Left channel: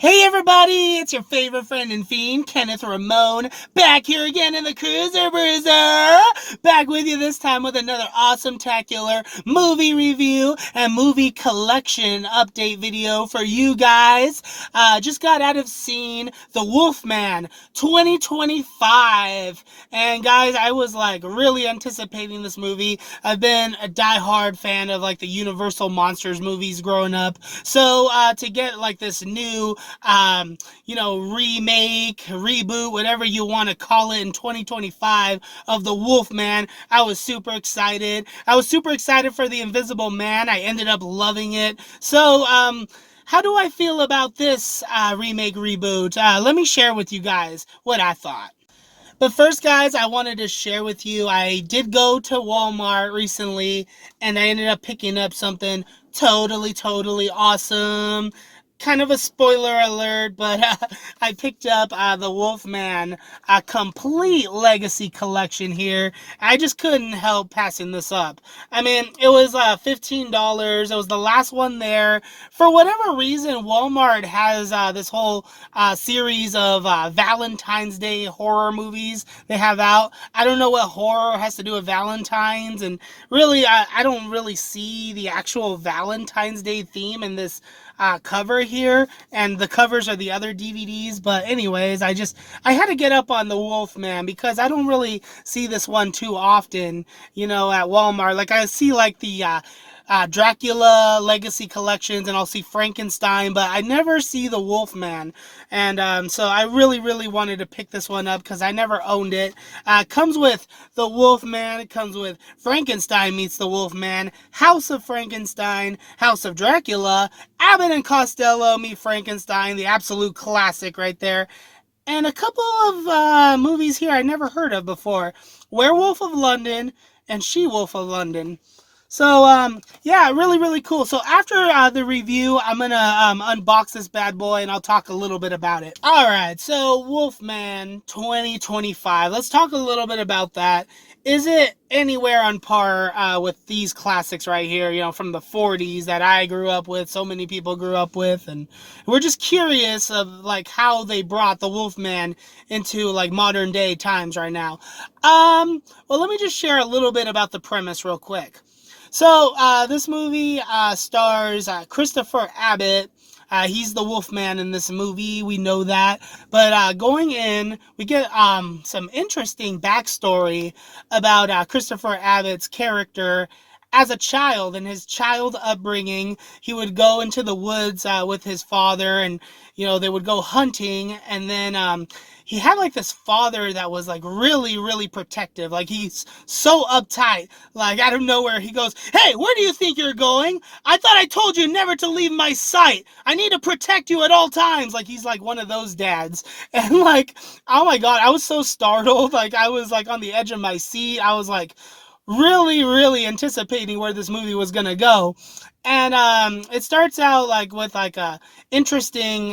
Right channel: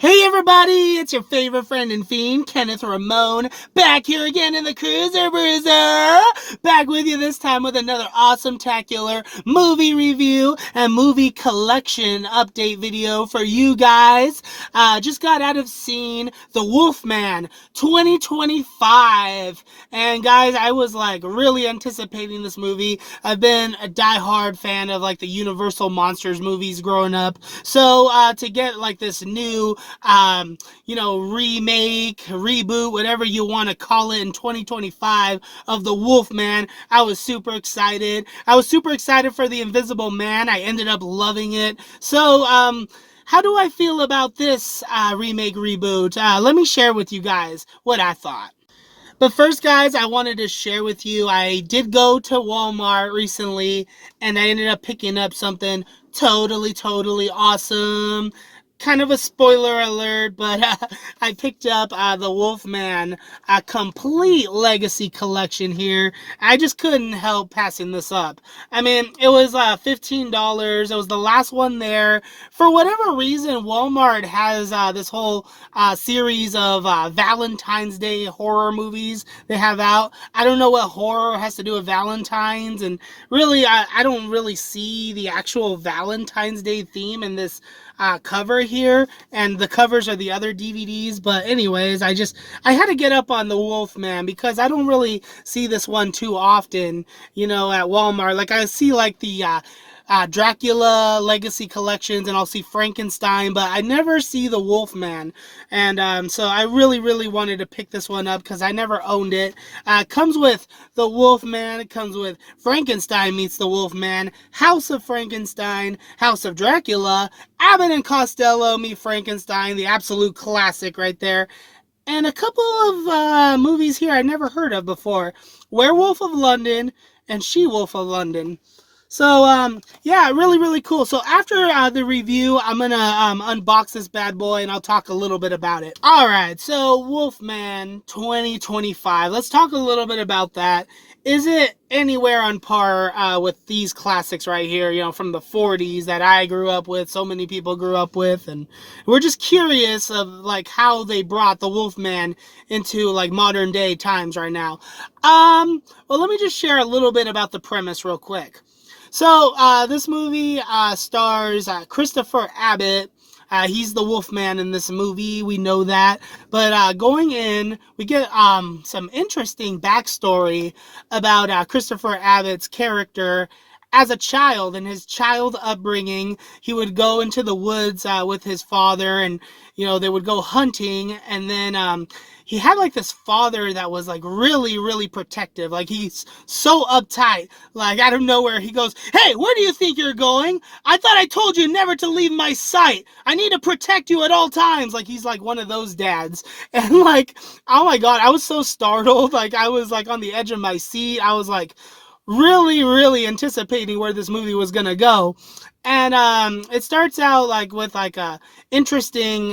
Hey everybody, it's your favorite friend and fiend, Kenneth Ramon, back here again in the Cruiser Bruiser. Back with you this time with another awesome-tacular movie review and movie collection update video for you guys. Just got out of seeing The Wolfman 2025. And guys, I was like really anticipating this movie. I've been a die-hard fan of like the Universal Monsters movies growing up. So to get like this new remake, reboot, whatever you want to call it in 2025 of The Wolfman, I was super excited. I was super excited for The Invisible Man. I ended up loving it. So, how do I feel about this remake, reboot? Let me share with you guys what I thought. But first, guys, I wanted to share with you, I did go to Walmart recently, and I ended up picking up something totally awesome. Kind of a spoiler alert, but I picked up the Wolfman complete legacy collection here. I just couldn't help passing this up. I mean, it was $15. It was the last one there. For whatever reason, Walmart has this whole series of Valentine's Day horror movies they have out. I don't know what horror has to do with Valentine's, and really, I don't really see the actual Valentine's Day theme in this cover here, and the covers are the other DVDs. But anyways, I had to get up on the Wolfman because I don't really see this one too often, at Walmart. Like I see like the Dracula Legacy collections, and I'll see Frankenstein, but I never see the Wolfman. And so I really wanted to pick this one up because I never owned it. Comes with the Wolfman. It comes with Frankenstein meets the Wolfman, House of Frankenstein, House of Dracula, Abbott and Costello meet Frankenstein, the absolute classic right there. And a couple of movies here I never heard of before. Werewolf of London and She-Wolf of London. So, yeah, really cool. So after the review, I'm going to unbox this bad boy, and I'll talk a little bit about it. All right, so Wolfman 2025. Let's talk a little bit about that. Is it anywhere on par with these classics right here, from the 40s that I grew up with, so many people grew up with, and we're just curious of, like, how they brought the Wolfman into, like, modern day times right now. Well, let me just share a little bit about the premise real quick. So, this movie stars Christopher Abbott. He's the Wolfman in this movie, we know that. But going in, we get some interesting backstory about Christopher Abbott's character as a child and his child upbringing. He would go into the woods with his father, and they would go hunting, and then he had like this father that was like really protective. Like he's so uptight. Like out of nowhere, he goes, "Hey, where do you think you're going? I thought I told you never to leave my sight. I need to protect you at all times." Like he's like one of those dads. And like, oh my God, I was so startled. Like I was like on the edge of my seat. I was like really anticipating where this movie was gonna go. And it starts out like with like a interesting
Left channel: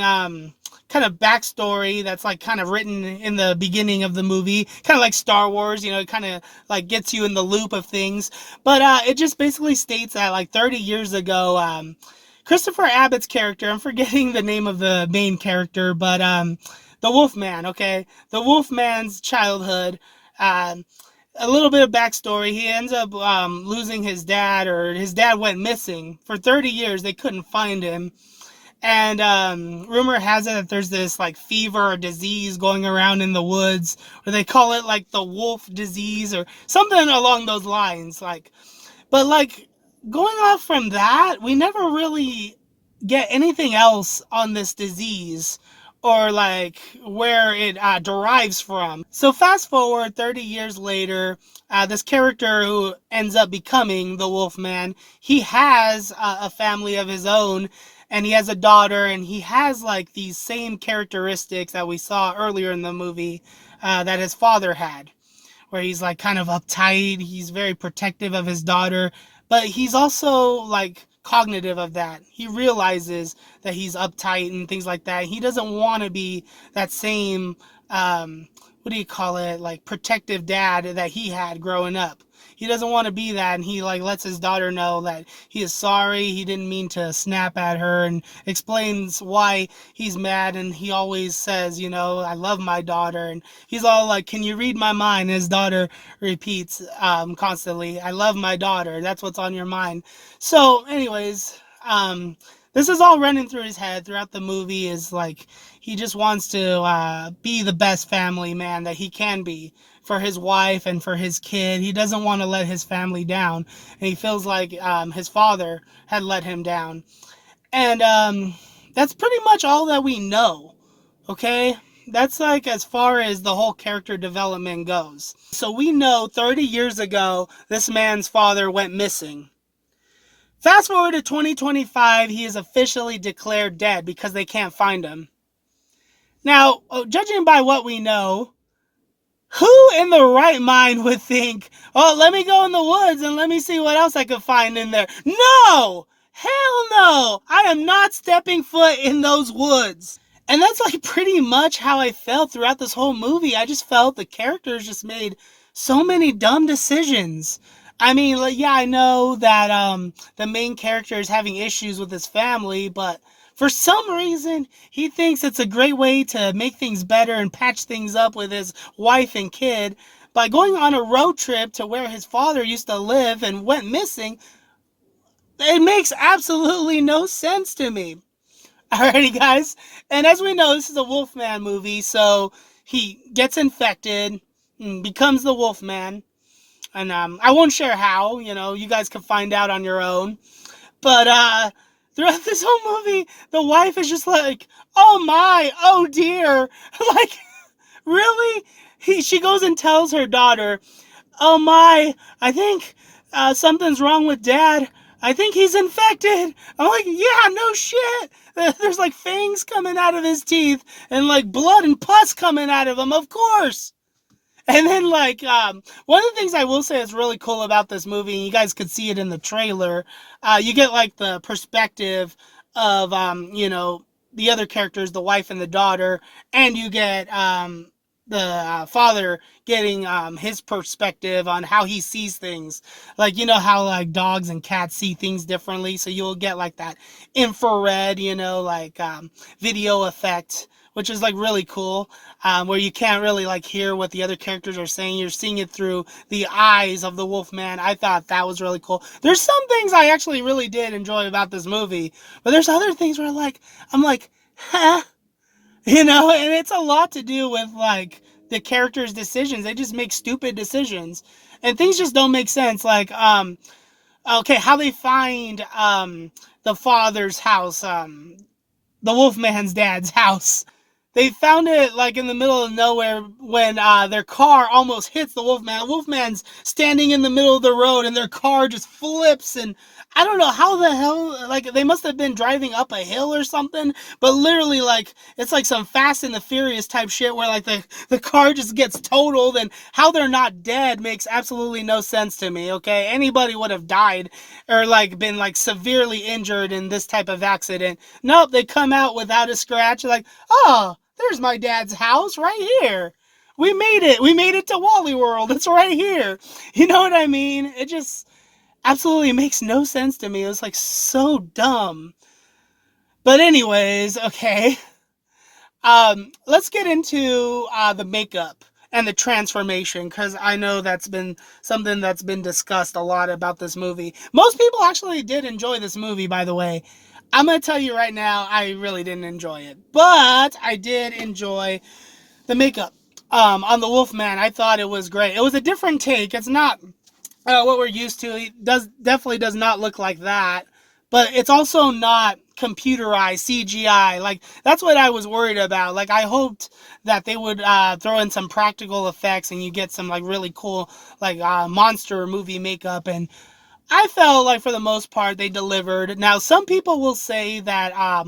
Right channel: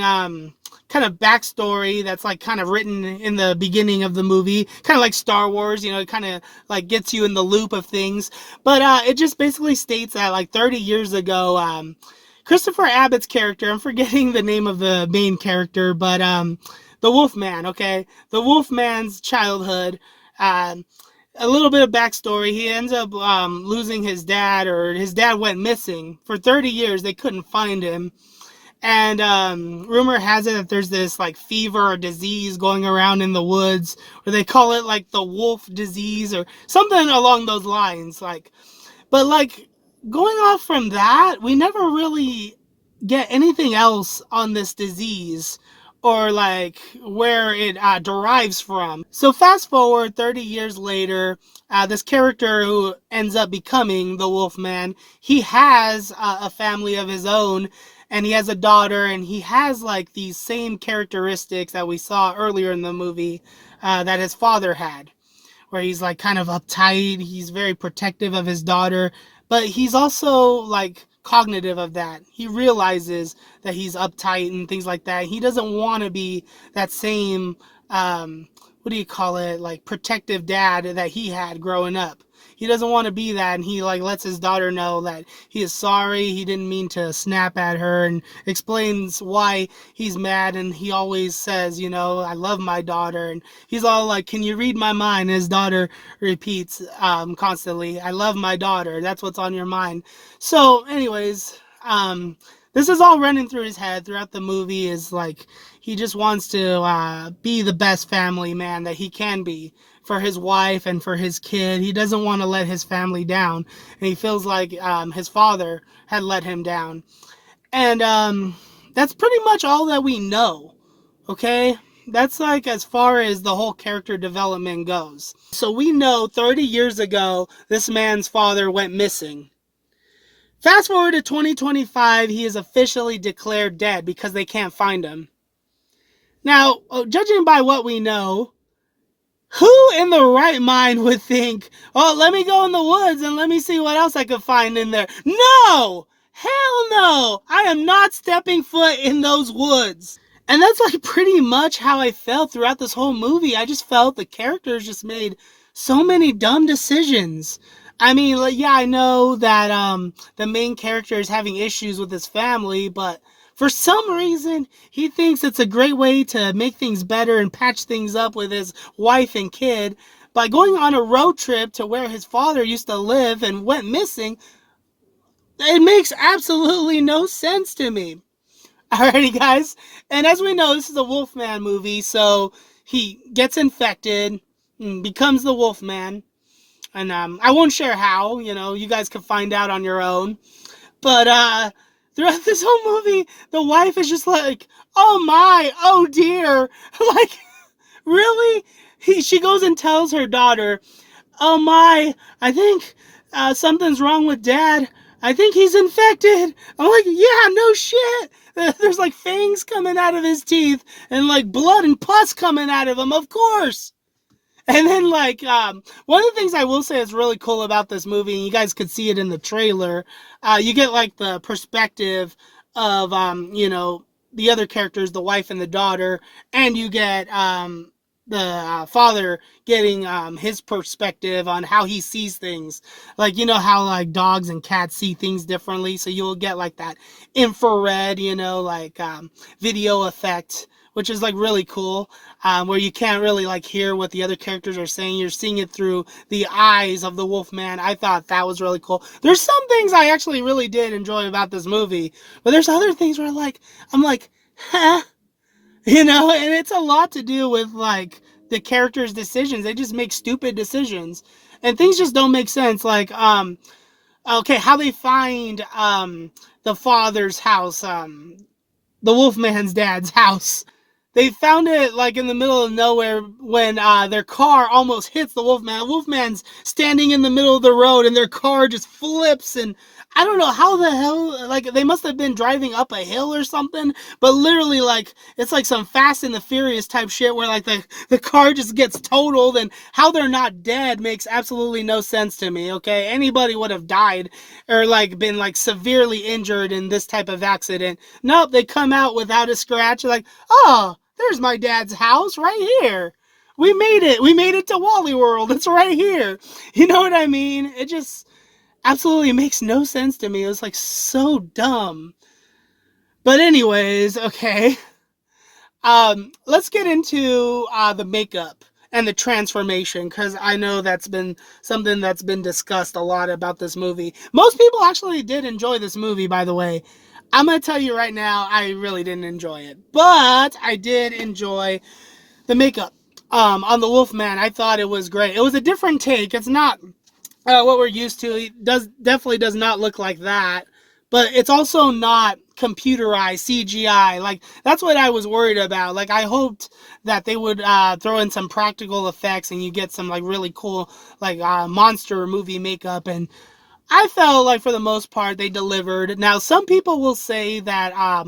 kind of backstory that's like kind of written in the beginning of the movie, kind of like Star Wars, it kind of like gets you in the loop of things. But it just basically states that like 30 years ago, Christopher Abbott's character, I'm forgetting the name of the main character, but the Wolfman, okay? The Wolfman's childhood, a little bit of backstory. He ends up losing his dad, or his dad went missing. For 30 years, they couldn't find him. And rumor has it that there's this like fever or disease going around in the woods, or they call it like the wolf disease or something along those lines. But going off from that, we never really get anything else on this disease or like where it derives from. So fast forward 30 years later, this character who ends up becoming the Wolfman, he has a family of his own. And he has a daughter, and he has like these same characteristics that we saw earlier in the movie that his father had, where he's like kind of uptight, he's very protective of his daughter, but he's also like cognitive of that. He realizes that he's uptight and things like that. He doesn't want to be that same, like protective dad that he had growing up. he doesn't want to be that, and he like lets his daughter know that he is sorry, he didn't mean to snap at her, and explains why he's mad. And he always says, you know, I love my daughter, and he's all like, can you read my mind? And his daughter repeats constantly, I love my daughter, that's what's on your mind. So anyways, this is all running through his head throughout the movie, is like he just wants to be the best family man that he can be for his wife and for his kid. He doesn't want to let his family down, and he feels like his father had let him down. And that's pretty much all that we know, okay? That's like as far as the whole character development goes. So we know 30 years ago, this man's father went missing. Fast forward to 2025, he is officially declared dead because they can't find him. Now, judging by what we know, who in the right mind would think, oh, let me go in the woods and let me see what else I can find in there? No! Hell no! I am not stepping foot in those woods. And that's like pretty much how I felt throughout this whole movie. I just felt the characters just made so many dumb decisions. I mean, like, yeah, I know that the main character is having issues with his family, but for some reason, he thinks it's a great way to make things better and patch things up with his wife and kid by going on a road trip to where his father used to live and went missing. It makes absolutely no sense to me. Alrighty, guys. And as we know, this is a Wolfman movie, so he gets infected and becomes the Wolfman. And I won't share how, you know, you guys can find out on your own. But throughout this whole movie, the wife is just like, oh my, oh dear. Like, really? She goes and tells her daughter, oh my, I think something's wrong with Dad. I think he's infected. I'm like, yeah, no shit. There's like fangs coming out of his teeth and like blood and pus coming out of him, of course. And then, like, one of the things I will say is really cool about this movie, and you guys could see it in the trailer, you get, like, the perspective of, you know, the other characters, the wife and the daughter, and you get the father getting his perspective on how he sees things. Like, you know how, like, dogs and cats see things differently, so you'll get, like, that infrared, you know, like, video effect, which is, like, really cool. Where you can't really like hear what the other characters are saying. You're seeing it through the eyes of the Wolfman. I thought that was really cool. There's some things I actually really did enjoy about this movie, but there's other things where like I'm like, huh? You know, and it's a lot to do with like the characters' decisions. They just make stupid decisions, and things just don't make sense. Like, okay, how they find the father's house, the Wolfman's dad's house. They found it like in the middle of nowhere when their car almost hits the Wolfman. The Wolfman's standing in the middle of the road and their car just flips, and I don't know how the hell, like they must have been driving up a hill or something, but literally like it's like some Fast and the Furious type shit where like the car just gets totaled, and how they're not dead makes absolutely no sense to me, okay? Anybody would have died or like been like severely injured in this type of accident. Nope, they come out without a scratch, like, oh, there's my dad's house right here. We made it. We made it to Wally World. It's right here. You know what I mean? It just absolutely makes no sense to me. It was like so dumb. But anyways, okay. Let's get into the makeup and the transformation, because I know that's been something that's been discussed a lot about this movie. Most people actually did enjoy this movie, by the way. I'm going to tell you right now, I really didn't enjoy it. But I did enjoy the makeup on the Wolfman. I thought it was great. It was a different take. It's not what we're used to. It definitely does not look like that. But it's also not computerized CGI. Like, that's what I was worried about. Like, I hoped that they would throw in some practical effects and you get some, like, really cool, like, monster movie makeup. And I felt like for the most part they delivered. Now, some people will say that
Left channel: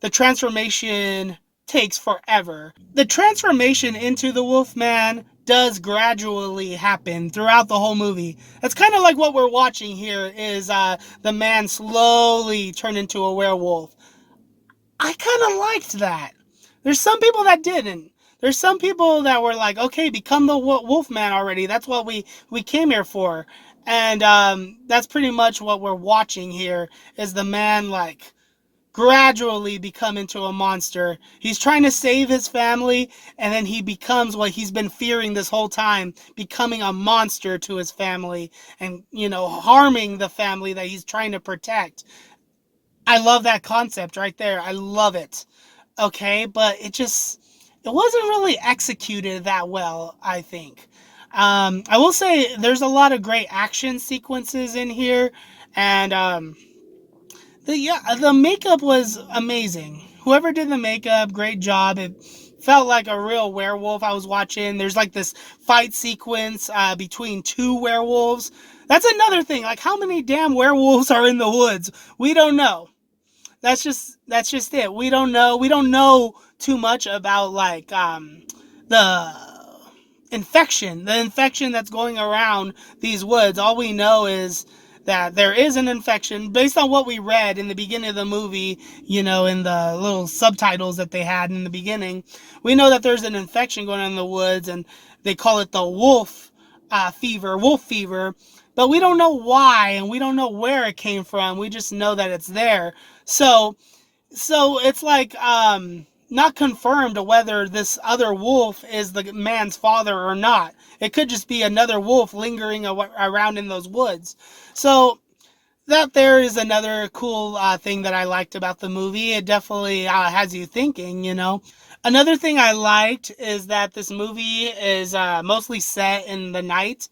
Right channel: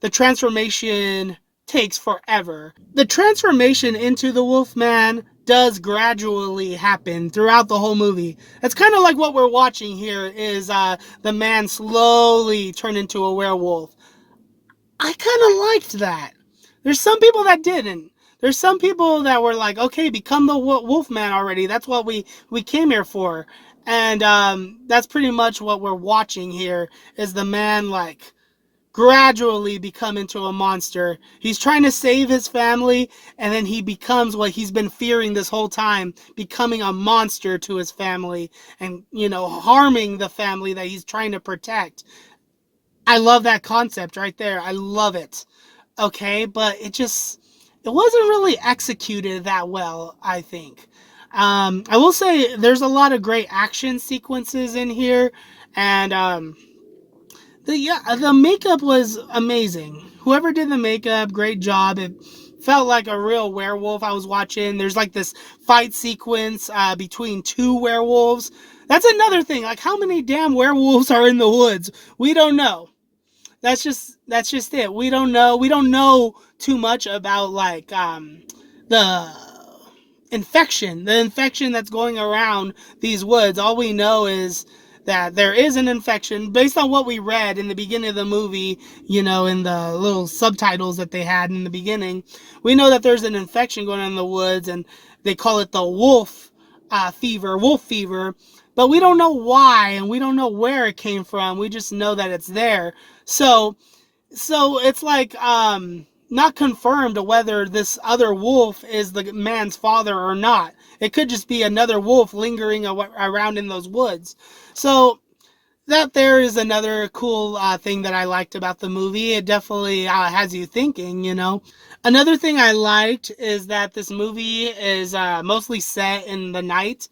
the transformation takes forever. The transformation into the Wolfman does gradually happen throughout the whole movie. That's kind of like what we're watching here is the man slowly turn into a werewolf. I kind of liked that. There's some people that didn't. There's some people that were like, okay, become the Wolfman already. That's what we came here for. And that's pretty much what we're watching here is the man like gradually become into a monster. He's trying to save his family, and then he becomes what he's been fearing this whole time, becoming a monster to his family and, harming the family that he's trying to protect. I love that concept right there. I love it. Okay, but it wasn't really executed that well, I think. I will say there's a lot of great action sequences in here, and the makeup was amazing. Whoever did the makeup, great job. It felt like a real werewolf I was watching. There's like this fight sequence between two werewolves. That's another thing. Like, how many damn werewolves are in the woods? We don't know. That's just it. We don't know. We don't know too much about like the the infection that's going around these woods. All we know is that there is an infection based on what we read in the beginning of the movie, in the little subtitles that they had in the beginning. We know that there's an infection going on in the woods, and they call it the wolf fever, but we don't know why, and we don't know where it came from. We just know that it's there. So it's like not confirmed whether this other wolf is the man's father or not. It could just be another wolf lingering around in those woods. So that there is another cool thing that I liked about the movie. It definitely has you thinking. Another thing I liked is that this movie is mostly set in the night,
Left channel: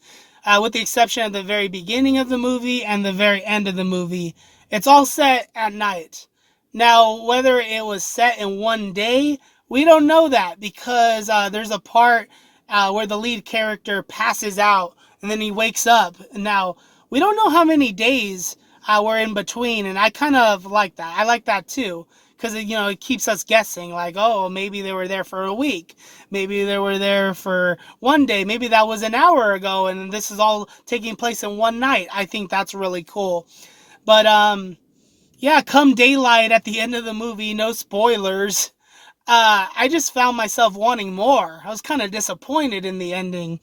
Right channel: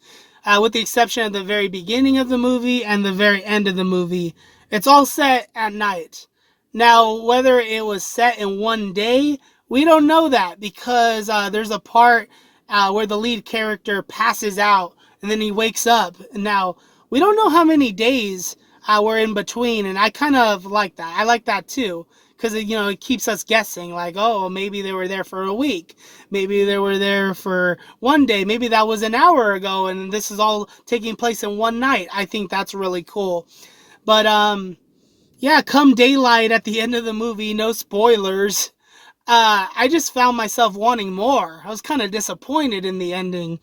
with the exception of the very beginning of the movie and the very end of the movie. It's all set at night. Now, whether it was set in one day, we don't know that because there's a part where the lead character passes out and then he wakes up. Now, we don't know how many days were in between, and I kind of like that. I like that too because it keeps us guessing. Like, oh, maybe they were there for a week, maybe they were there for one day, maybe that was an hour ago, and this is all taking place in one night. I think that's really cool. But yeah, come daylight at the end of the movie, no spoilers. I just found myself wanting more. I was kind of disappointed in the ending,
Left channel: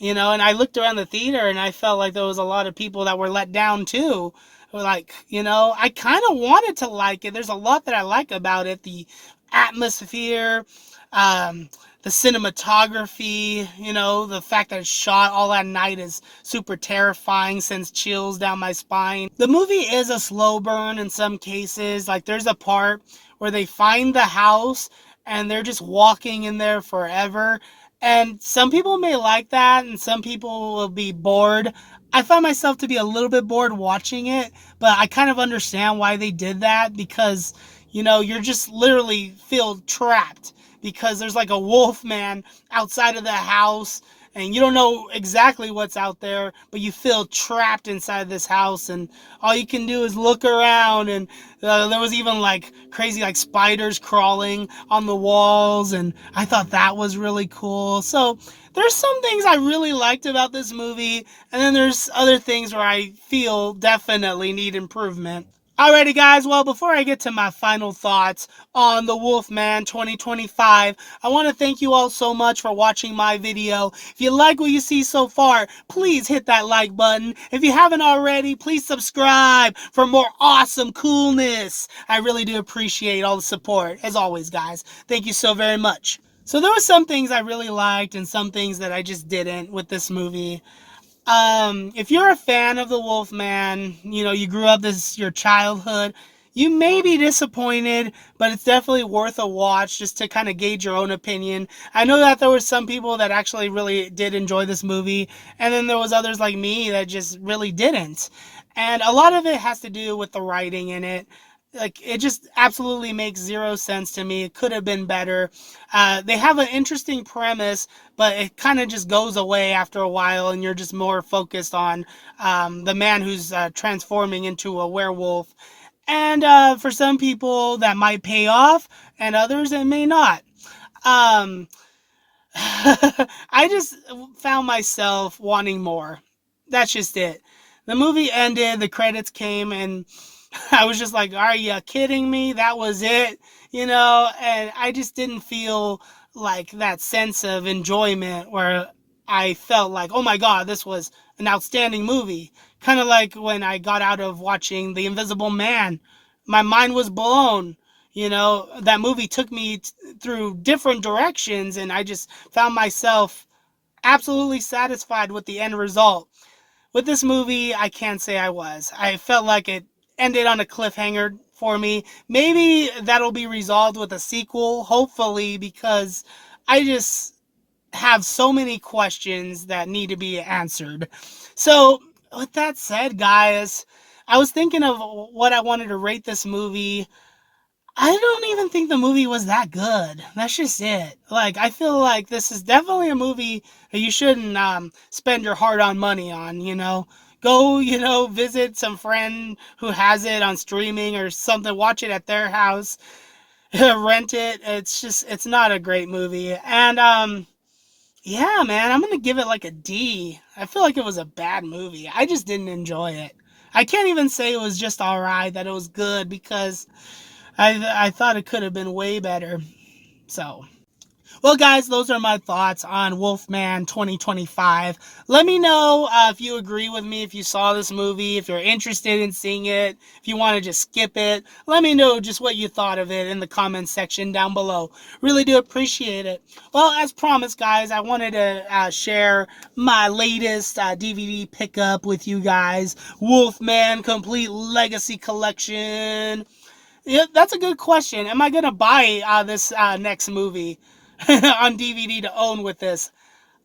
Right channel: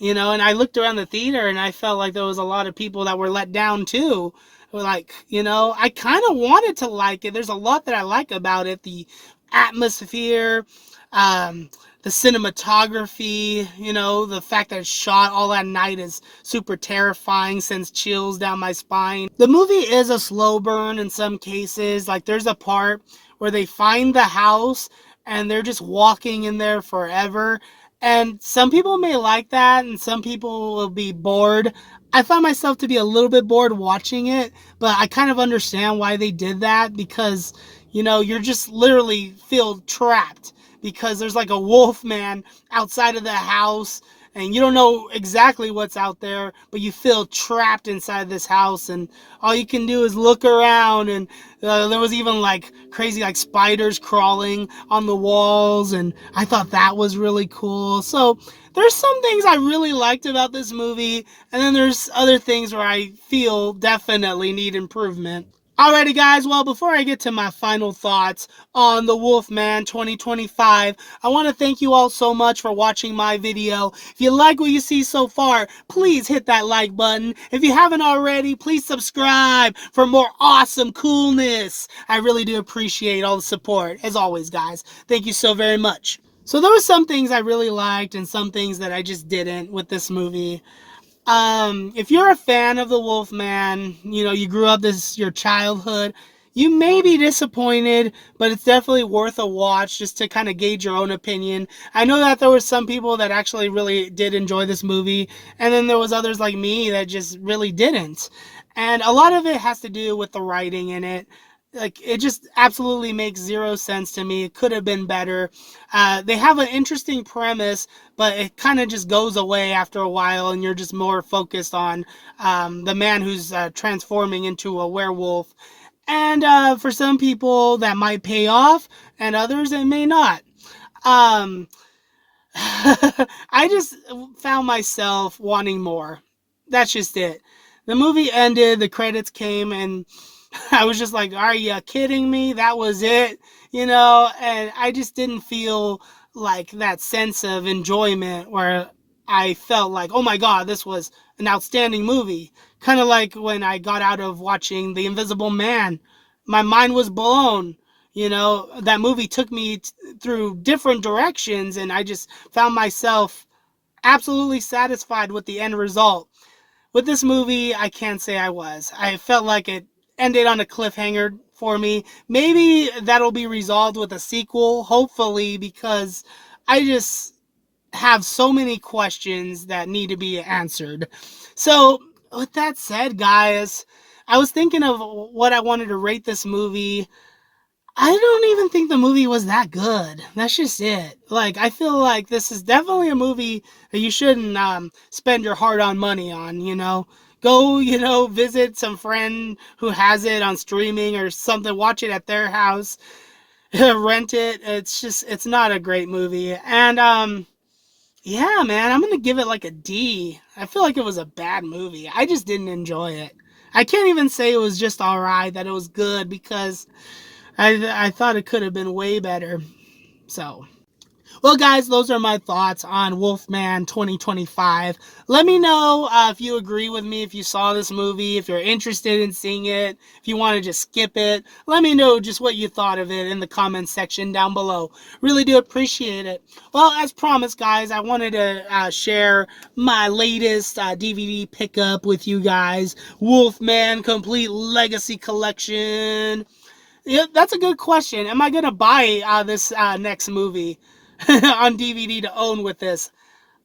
and I looked around the theater and I felt like there was a lot of people that were let down too. Like, I kind of wanted to like it. There's a lot that I like about it. The atmosphere, the cinematography, the fact that it's shot all at night is super terrifying, sends chills down my spine. The movie is a slow burn in some cases. Like, there's a part where they find the house and they're just walking in there forever. And some people may like that, and some people will be bored. I found myself to be a little bit bored watching it, but I kind of understand why they did that because, you're just literally feel trapped because there's like a wolf man outside of the house and you don't know exactly what's out there, but you feel trapped inside this house, and all you can do is look around, and there was even like crazy like spiders crawling on the walls, and I thought that was really cool. So there's some things I really liked about this movie, and then there's other things where I feel definitely need improvement. Alrighty guys, well, before I get to my final thoughts on The Wolfman 2025, I want to thank you all so much for watching my video. If you like what you see so far, please hit that like button. If you haven't already, please subscribe for more awesome coolness. I really do appreciate all the support. As always, guys, thank you so very much. So there were some things I really liked and some things that I just didn't with this movie. If you're a fan of the Wolfman, you grew up your childhood, you may be disappointed, but it's definitely worth a watch just to kind of gauge your own opinion. I know that there were some people that actually really did enjoy this movie, and then there was others like me that just really didn't. And a lot of it has to do with the writing in it. Like, it just absolutely makes zero sense to me. It could have been better. They have an interesting premise, but it kind of just goes away after a while, and you're just more focused on the man who's transforming into a werewolf. And for some people, that might pay off, and others, it may not. Um, I just found myself wanting more. That's just it. The movie ended, the credits came, and I was just like, are you kidding me? That was it? And I just didn't feel like that sense of enjoyment where I felt like, oh my god, this was an outstanding movie. Kind of like when I got out of watching The Invisible Man. My mind was blown. You know, that movie took me through different directions, and I just found myself absolutely satisfied with the end result. With this movie, I can't say I was. I felt like it ended on a cliffhanger for me. Maybe that'll be resolved with a sequel, hopefully, because I just have so many questions that need to be answered. So, with that said, guys, I was thinking of what I wanted to rate this movie. I don't even think the movie was that good. That's just it. Like, I feel like this is definitely a movie that you shouldn't spend your hard-earned money on, you know? Go, visit some friend who has it on streaming or something, watch it at their house, rent it. It's not a great movie. And, yeah, man, I'm gonna give it like a D. I feel like it was a bad movie. I just didn't enjoy it. I can't even say it was just alright, that it was good, because I thought it could have been way better. So, well, guys, those are my thoughts on Wolfman 2025. Let me know if you agree with me, if you saw this movie, if you're interested in seeing it, if you want to just skip it. Let me know just what you thought of it in the comments section down below. Really do appreciate it. Well, as promised, guys, I wanted to share my latest DVD pickup with you guys. Wolfman Complete Legacy Collection. Yeah, that's a good question. Am I going to buy this next movie on DVD to own with this?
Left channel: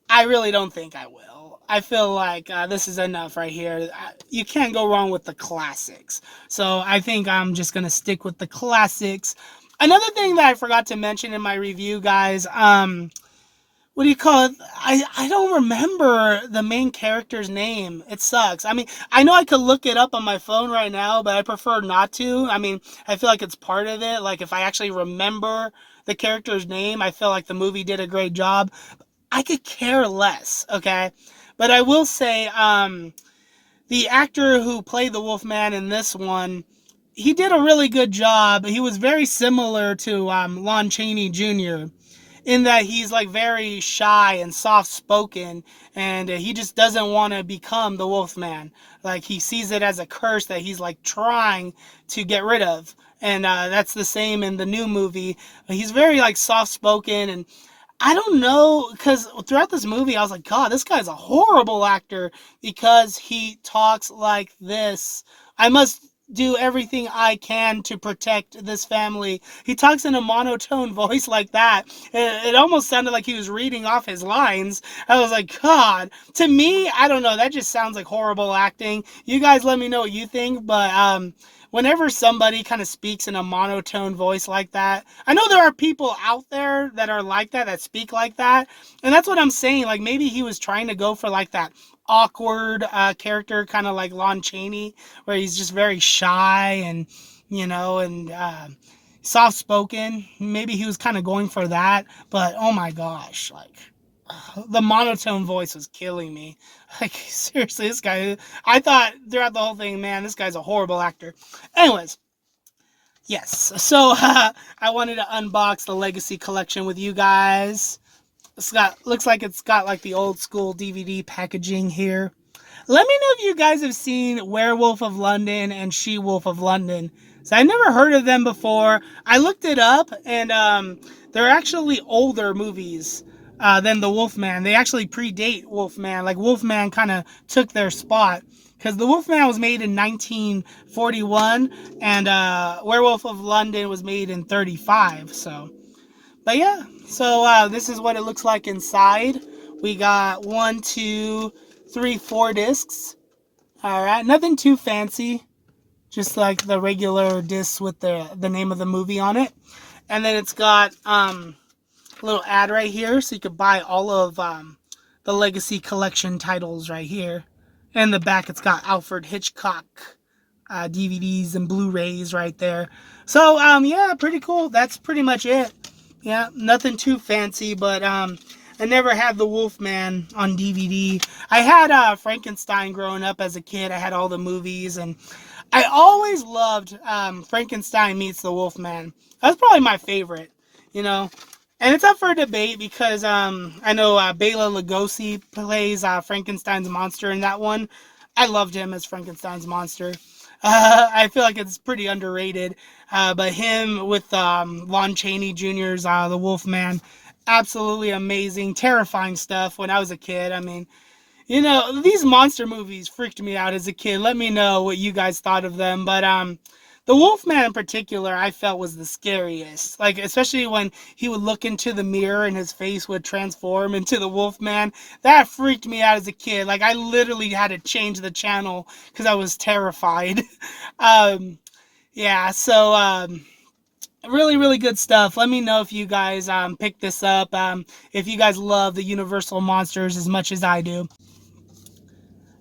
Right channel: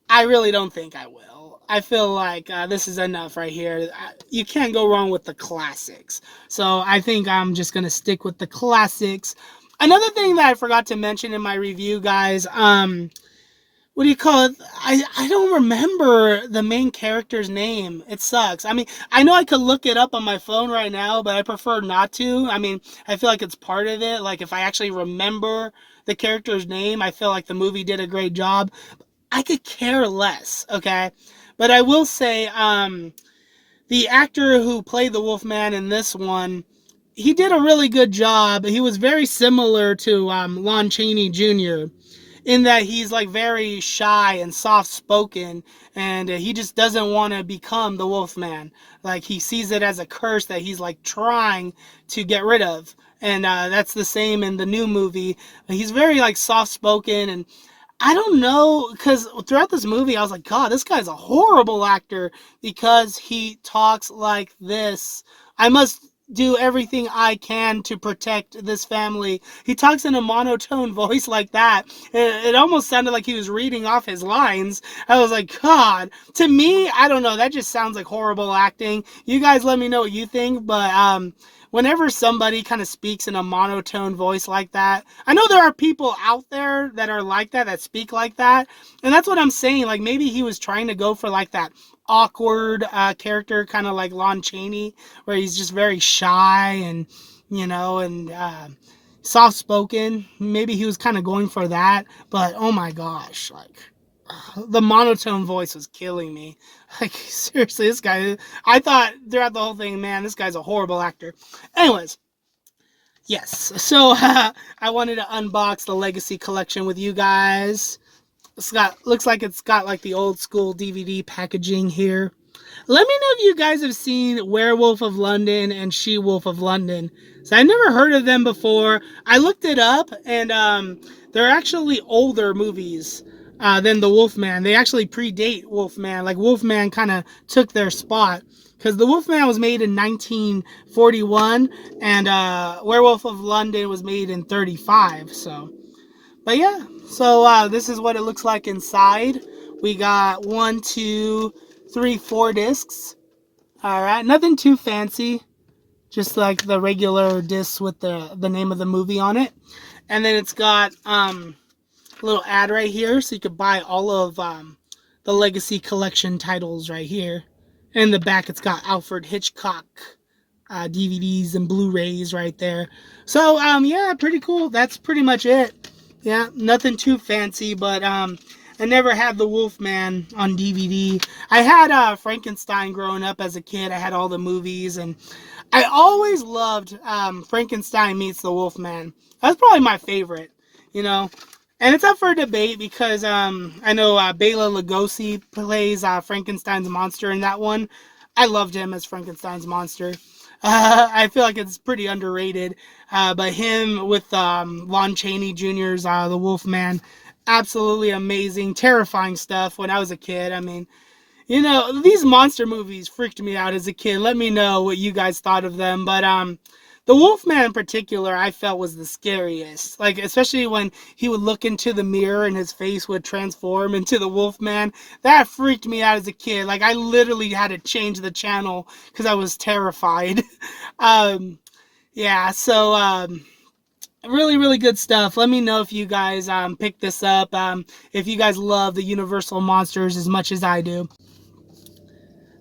I really don't think I will. I feel like this is enough right here. You can't go wrong with the classics. So I think I'm just going to stick with the classics. Another thing that I forgot to mention in my review, guys, what do you call it? I don't remember the main character's name. It sucks. I mean, I know I could look it up on my phone right now, but I prefer not to. I mean, I feel like it's part of it. Like, if I actually remember the character's name, I feel like the movie did a great job. I could care less, okay? But I will say, the actor who played the Wolfman in this one, he did a really good job. He was very similar to Lon Chaney Jr., in that he's like very shy and soft spoken, and he just doesn't want to become the Wolfman. Like, he sees it as a curse that he's like trying to get rid of. And that's the same in the new movie. He's very like soft spoken, and I don't know, because throughout this movie I was like, god, this guy's a horrible actor because he talks like this. I must do everything I can to protect this family. He talks in a monotone voice like that. It almost sounded like he was reading off his lines. I was like, god. To me, I don't know, that just sounds like horrible acting. You guys let me know what you think, but whenever somebody kind of speaks in a monotone voice like that, I know there are people out there that are like that speak like that, and that's what I'm saying. Like, maybe he was trying to go for like that awkward character, kind of like Lon Chaney, where he's just very shy and, and soft spoken. Maybe he was kind of going for that, but oh my gosh, like, the monotone voice was killing me. Like, seriously, this guy, I thought throughout the whole thing, man, this guy's a horrible actor. Anyways, yes, so I wanted to unbox the Legacy Collection with you guys. Looks like it's got like the old school DVD packaging here. Let me know if you guys have seen Werewolf of London and She-Wolf of London. So I never heard of them before. I looked it up, and they're actually older movies than the Wolfman. They actually predate Wolfman. Like, Wolfman kind of took their spot, because the Wolfman was made in 1941, and Werewolf of London was made in 35. So, but yeah. So this is what it looks like inside. We got 1, 2, 3, 4 discs. All right, nothing too fancy, just like the regular discs with the name of the movie on it. And then it's got a little ad right here, so you could buy all of the Legacy Collection titles right here. And in the back, it's got Alfred Hitchcock DVDs and Blu-rays right there. So yeah, pretty cool. That's pretty much it. Yeah, nothing too fancy, but I never had the Wolfman on DVD. I had Frankenstein growing up as a kid. I had all the movies, and I always loved Frankenstein Meets the Wolfman. That's probably my favorite, And it's up for debate because I know Bela Lugosi plays Frankenstein's monster in that one. I loved him as Frankenstein's monster. I feel like it's pretty underrated. But him with Lon Chaney Jr.'s The Wolfman, absolutely amazing, terrifying stuff when I was a kid. I mean, you know, these monster movies freaked me out as a kid. Let me know what you guys thought of them. But the Wolfman in particular, I felt was the scariest. Like, especially when he would look into the mirror and his face would transform into the Wolfman. That freaked me out as a kid. Like, I literally had to change the channel because I was terrified. um, yeah, so really, really good stuff. Let me know if you guys pick this up. If you guys love the Universal monsters as much as I do.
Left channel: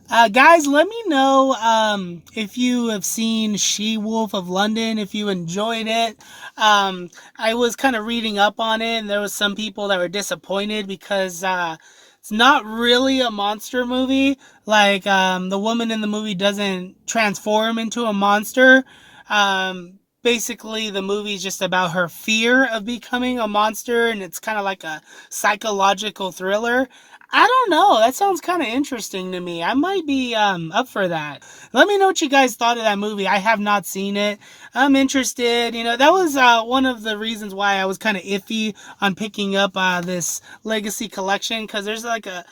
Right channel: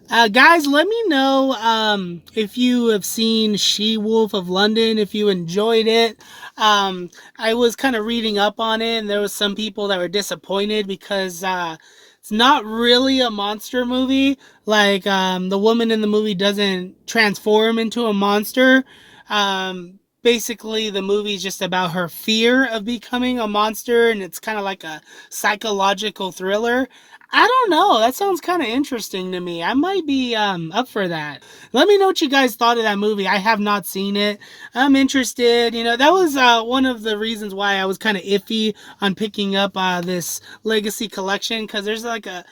Guys, let me know if you have seen She-Wolf of London, if you enjoyed it. I was kind of reading up on it, and there was some people that were disappointed because it's not really a monster movie. Like, the woman in the movie doesn't transform into a monster. Basically, the movie is just about her fear of becoming a monster, and it's kind of like a psychological thriller. I don't know. That sounds kind of interesting to me. I might be up for that. Let me know what you guys thought of that movie. I have not seen it. I'm interested. You know, that was one of the reasons why I was kind of iffy on picking up this Legacy collection, because there's like a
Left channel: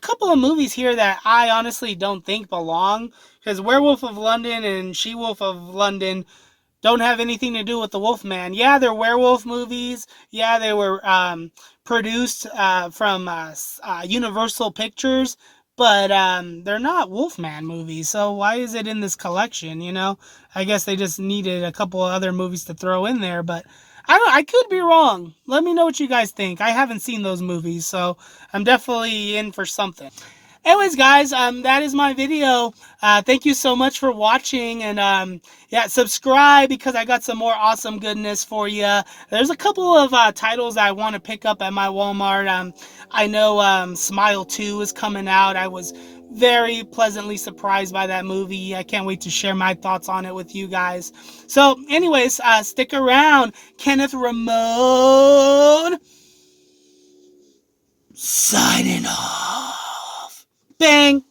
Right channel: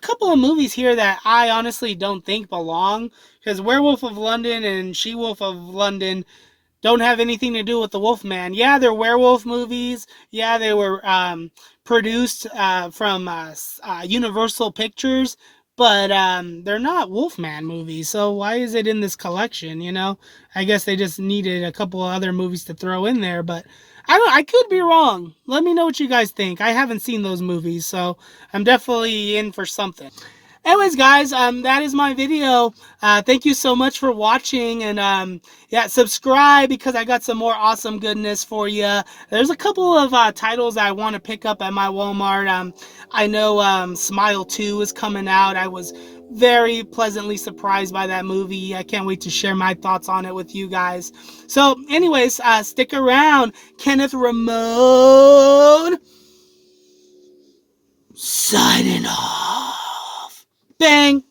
couple of movies here that I honestly don't think belong. Because Werewolf of London and She-Wolf of London don't have anything to do with the Wolfman. Yeah, they're werewolf movies. Yeah, they were produced from Universal Pictures, but they're not Wolfman movies. So why is it in this collection? You know, I guess they just needed a couple of other movies to throw in there, but I don't. I could be wrong. Let me know what you guys think. I haven't seen those movies, so I'm definitely in for something. Anyways, guys, that is my video. Thank you so much for watching, and yeah, subscribe because I got some more awesome goodness for you. There's a couple of titles I want to pick up at my Walmart. I know Smile 2 is coming out. I was very pleasantly surprised by that movie. I can't wait to share my thoughts on it with you guys. So, anyways, stick around. Kenneth Ramon signing off. Bang!